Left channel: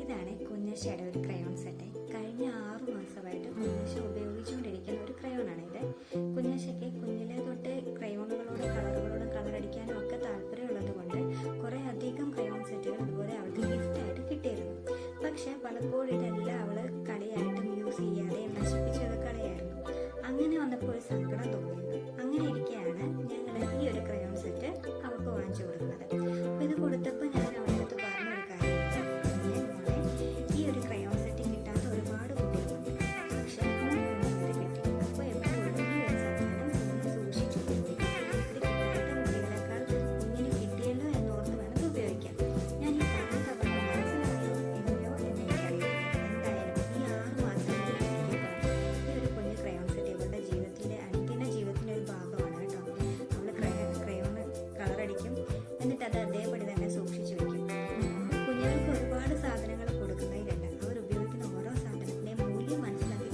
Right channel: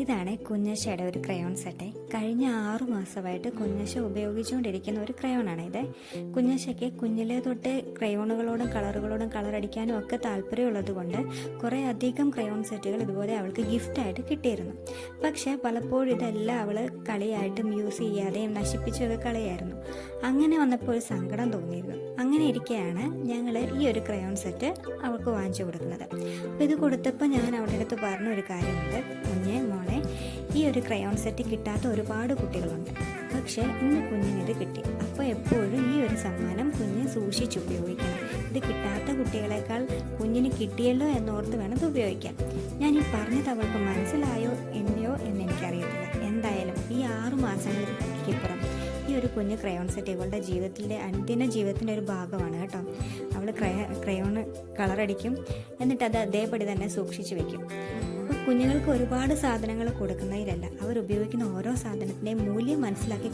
ഇതാണ് കുഞ്ഞശ്ശയുടെ ഒരു crayon set. കഴിഞ്ഞ 6 മാസമായിട്ട് കുഞ്ഞശ്ശ ഉപയോഗിച്ചുകൊണ്ടിരിക്കുന്ന ഒരു ക്രയോണാണ് ഇത്. കുഞ്ഞശ്ശയ്ക്ക് കുഞ്ഞിലെ തൊട്ട് ക്രയോണുകളോടും കളറുകളോടും കളറടിക്കാനും ഒക്കെ താല്പര്യമുള്ളത് കൊണ്ട് കുറേ അധികം ക്രയോൺ സെറ്റുകൾ ഇതുപോലെ അവൾക്ക് ഗിഫ്റ്റായിട്ട് കിട്ടിയിരുന്നു. പക്ഷേ പലപ്പോഴും ഇതെല്ലാം അവൾ കളിയായിട്ടും യൂസ് ചെയ്യാതെയും നശിപ്പിച്ചൊക്കെ കളയായിരുന്നു. അങ്ങനെ വന്നപ്പോൾ ഒരു സങ്കടം തോന്നിയിരുന്നു. അങ്ങനെ ഇരിക്കെയാണ് ഞങ്ങൾ ഈ ഒരു ക്രയോൺ സെറ്റ് അവൾക്ക് വാങ്ങിച്ചു കൊടുക്കുന്നത്. അപ്പോൾ ഇത് കൊടുത്തപ്പോൾ ഞാൻ അവളുടെ അടുത്ത് പറഞ്ഞൊരു കാര്യമുണ്ട്, മോളെ, ഈ ഒരു ക്രയോൺ സെറ്റ് കിട്ടാത്ത ഒരുപാട് കുട്ടികളുണ്ട്, പക്ഷേ ഇന്ന് കുഞ്ഞിനിത് കിട്ടി. അപ്പോൾ എപ്പോഴും ഈ ഒരു സമ്മാനം കുഞ്ഞ് സൂക്ഷിച്ച് ഉപയോഗിക്കണം. ഇത് കിട്ടാത്ത കുട്ടികളെക്കാൾ കുഞ്ഞിന് കിട്ടിയല്ലോ എന്നോർത്ത് വേണം ഇത് ഉപയോഗിക്കാൻ. ഞാൻ ഈ പറഞ്ഞത് അവൾക്ക് മനസ്സിലായോ എന്നോ എന്ന് എനിക്കറിയത്തില്ല. എന്തായാലും ഈ 6 മാസങ്ങൾക്കിപ്പുറം ഈ ഒരു കുഞ്ഞ് ക്രയോൺ സെറ്റ് ഇവളുടെ ജീവിതത്തിൻ്റെ അനുദിന ജീവിതത്തിൻ്റെ ഒരു ഭാഗമാണ് കേട്ടോ. അവൾ ക്രയോൺ കളറടിക്കും, എന്നിട്ട് അത് അതേപടി തന്നെ സൂക്ഷിച്ചു വയ്ക്കും. കുഞ്ഞുങ്ങൾക്ക് ഒരുപാട് സാധനങ്ങൾ കൊടുക്കുന്നതിലല്ല, അവർ ഉപയോഗിക്കുന്ന ഓരോ സാധനത്തിൻ്റെയും മൂല്യം മനസ്സിലാക്കി